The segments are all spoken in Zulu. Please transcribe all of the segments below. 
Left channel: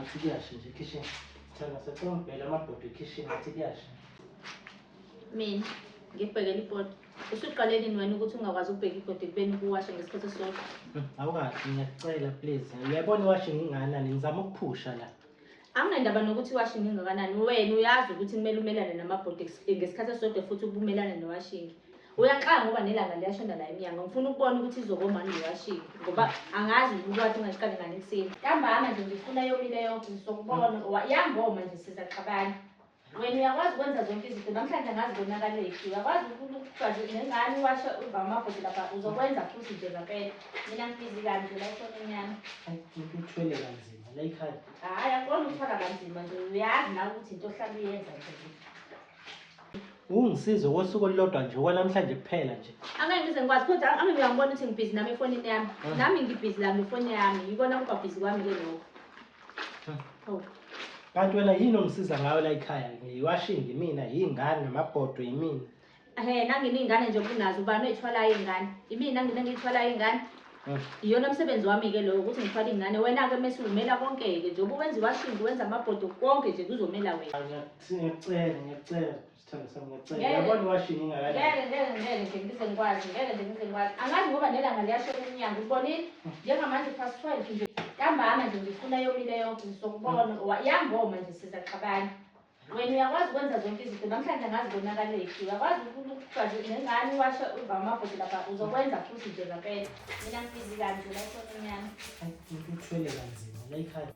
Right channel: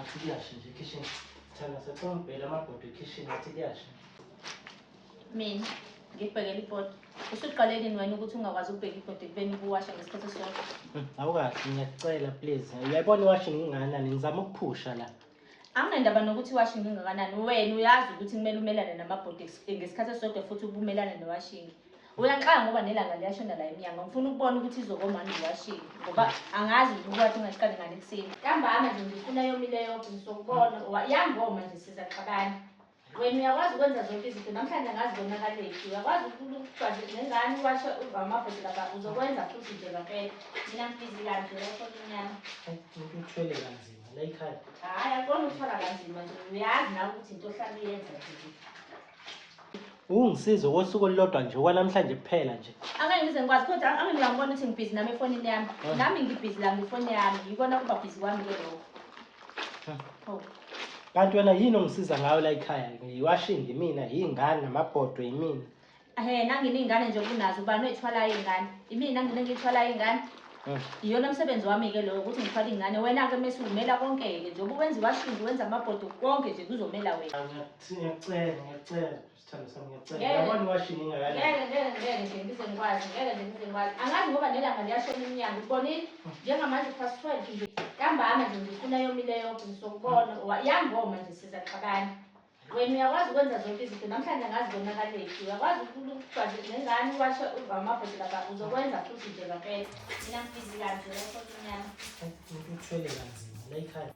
ngathi kuyasha nje kitchen. Thina sekombhela amabhodi kitchen ngathi kuyasha. Mina ngibhekela ibhodi. Usuqale nini wena ukuthi ungakwazi ukubheka ibhodi kubeni ukuwasha ngesikhathi esisodwa? Awukahle ngiyacela please. Uyabona iwashing inganani ngizama ukuphusha la. Anginendaba nokuthi iwashing ingakanani. Wena uyazi ukuthi kumele umelane namabhodi ngesikhathi esisodwa futhi ubumelane newashing. Uyanxanga ngoba nelanga liyashona la eminyanga. Ngifuna ukubona ukuthi izokoma manje iwashing ngoba angazi ukwathi ungaqali ngane kuseni. Ntambama nje ngifuna yomile yonke ngizokubona. Yangoma nje sizaxabana. Wena uyakwazi ukwenza zonke izinto namhlanje angazi konakaleki. Uyakwazi ukukwazi nengane iwasha amabhodi lapha uzokwenza futhi nje ngempela. Mina ngibhizi kanje la shona inyama. Ngikuthwele kanzima la ekhaya. Hayi akona ukuthwala kanzima nje uyazi na ukuthi into ohlala uyenza nje. Ungisize ngosuku olulodwa nje kwanamhlanje kuphela nje. Angeke ngize ngikwazi kodwa angeke ngiyambona ukuthi ngibhizi nami efonini yami. Nami ngibhizi la ngefoni yami. Yikona kuba bhizi kwami ke lokho. Hawu. Kanti wena yini ongisiza ngayo la ekhaya? Ngiwashing mina, yingane namabhodo yimina. Nanginingane nje kunazo ubani oyithwalayo ingane. Imina ngiyithwalayo ingane. Iyona umsebenzi wami ke lo ukuthi ngithwale ingane. Wena ke mase umela konke ke nje ubenza iwashing wenza amabhodo konke nje kuzomela wena. Ngiyacela. Sithando sami ngiyacela. Yabona iwashing ingakanani. Ngeke nje ngize ngikwazi. Angazi ngoba nelanga liyashona eminyanga. Ubonile? Njengamanje past 12 nje. Ntambama nje ngifuna yomile yonke ngizokubona. Yangoma nje sizaxabana. Wena uyakwazi ukwenza zonke izinto namhlanje angazi konakaleki. Uyakwazi ukukwazi nengane iwasha amabhodi lapha uzokwenza futhi nje ngempela. Mina ngibhizi kanje la shona inyama. Ngikuthwele kanzima la ekhaya.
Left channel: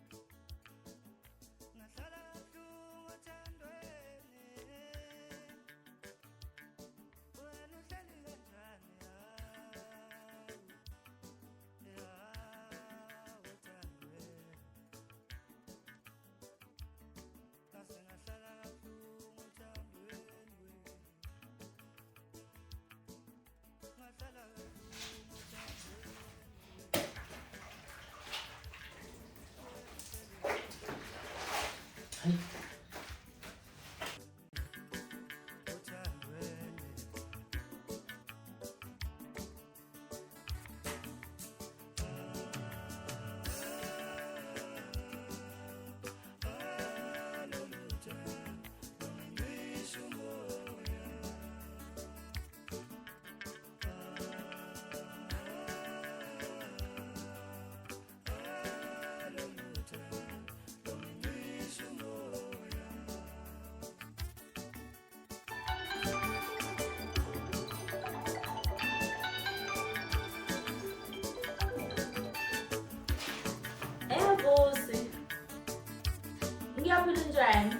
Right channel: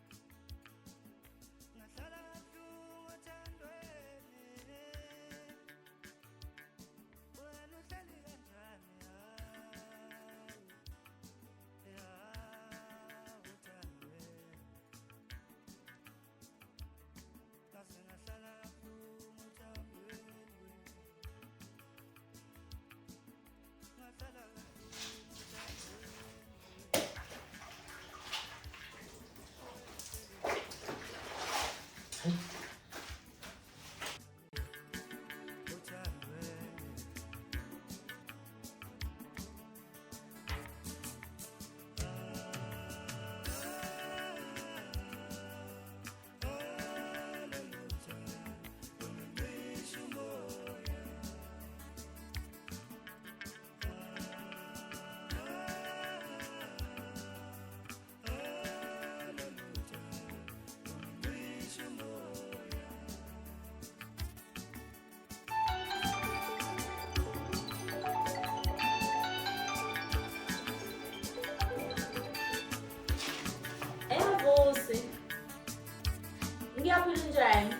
Ngiyaphila njani?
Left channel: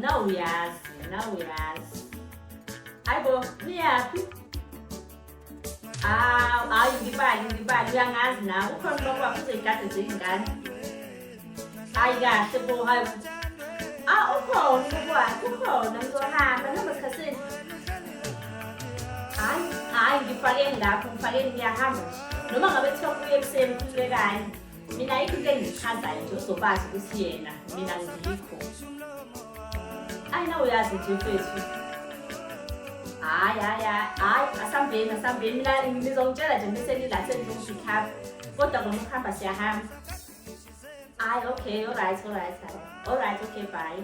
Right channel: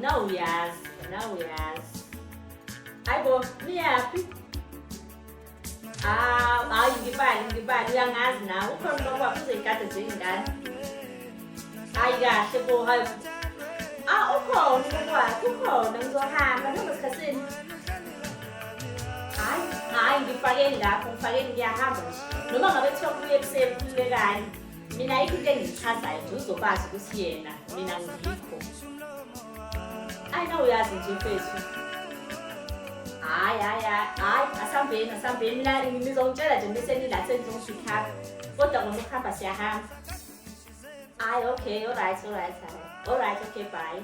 Now uyazi. Hayibo, niyaphi? Hayi ngibali uyangazi nawe. Ukhona ubaba wakho uzoyigada nje ingane. Hayi kahle bo, hayi. Ukhona ubaba wakho, ukhona ngizohamba noma esikhathini. Hayi ngifakeni lapho, ngiyahamba nje. Noma ngabe kuthiwa kubuye ekuseni kusuke kanye. Mina ayikho into engichazayo nje uzobazi ukuthi yena mina ngikho. Na uyazi nje mfethu. Hayi asambeni mina ngizongitshela nje bese nila sengizongifika. Kodwa kona ukuhamba siyahamba. Okay, all right, okay, bye.